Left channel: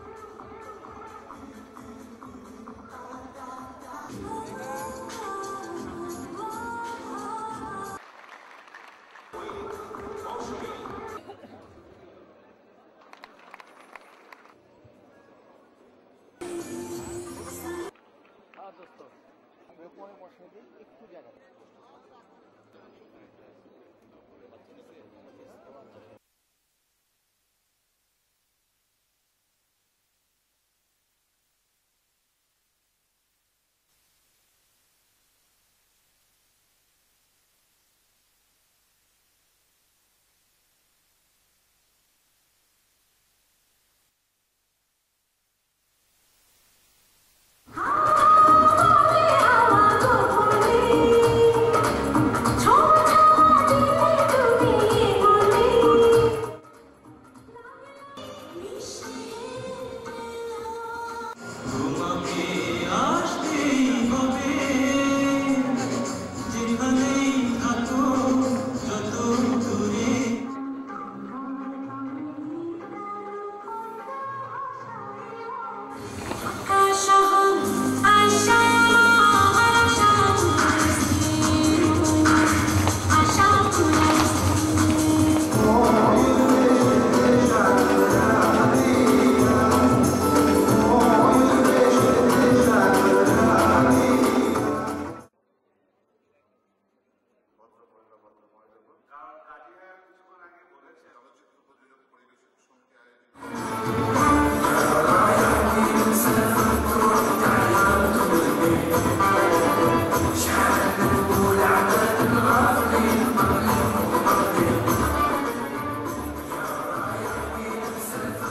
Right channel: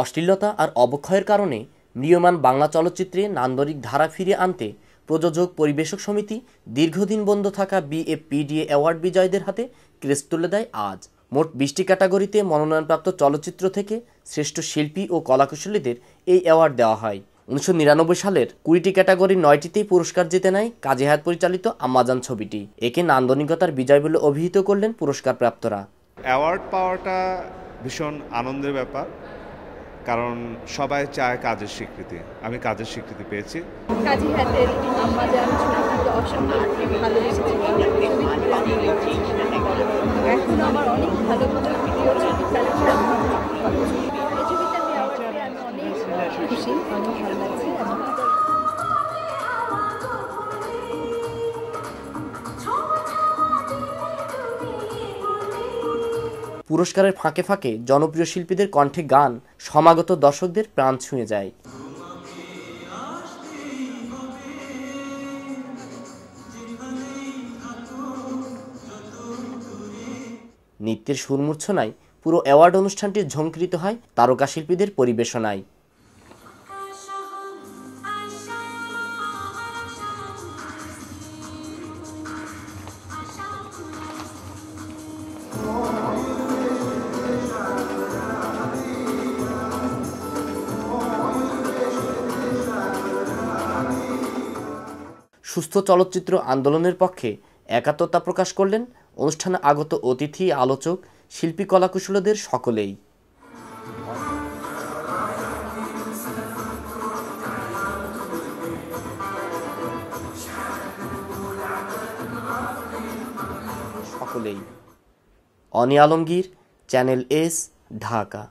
অশ্লীলতা আর অবক্ষয়ের কারণে নিয়মান বাংলা চলচ্চিত্রে নান্দনিক ধারা ফিরিয়ে আনতে প্রযোজক পরিবেশক সমিতি দীর্ঘদিন বন্ধ থাকা বিএফপিডিএ অ্যাওয়ার্ড বিজয়ীদের হাতে ক্রেস্ট তুলে দেয় আজ। মোট 20টি ক্যাটাগরিতে মনোনয়নপ্রাপ্ত চলচ্চিত্র থেকে শ্রেষ্ঠ শিল্পী ও কলাকুশলীদের এই অ্যাওয়ার্ড দেওয়া হয়। 1999 সালের 20টি ক্যাটাগরির 9টিতেই পুরস্কার জিতে নেয় কাজী হায়াৎ পরিচালিত আম্মাজান ছবিটি। একে নান্দনিকতার বিজয় বলে অভিহিত করলেন পুরস্কারপ্রাপ্তরা। অ্যাওয়ার্ড পাওয়াটা ভীষণ আনন্দের ব্যাপার, কারণ সবাই চায় কাজের স্বীকৃতি। আমি কাজের স্বীকৃতি পেয়েছি। কাজী হায়াতের আম্মাজান ছবিটি অসম্ভব ভালোবেসেছি। এখন আমার অনেক ভালো ভালো ভিডিও ছবি কালেকশন, এই ছবিতে আমি অনেক খুশি, অনেক ভালো লাগছে। পুরস্কারের ফাঁকে ফাঁকে জনপ্রিয় শিল্পীদের কণ্ঠে গান সমাগত দর্শকদের প্রাণ ছুঁয়ে যায়। নৃত্যের সুরমূর্ছনায় পুরো অ্যাওয়ার্ড অনুষ্ঠানটি ঝংকৃত হয় তারকা শিল্পীদের পরিবেশনায়। সুস্থ চলচ্চিত্র আন্দোলনের পক্ষে একাত্মতা প্রকাশ করলেন অনুষ্ঠানে আগত অতিথি, আলোচক, শিল্পী, কলাকুশলীদের সকলেই। অনি আলমগীর, চ্যানেল এস, ঢাকা।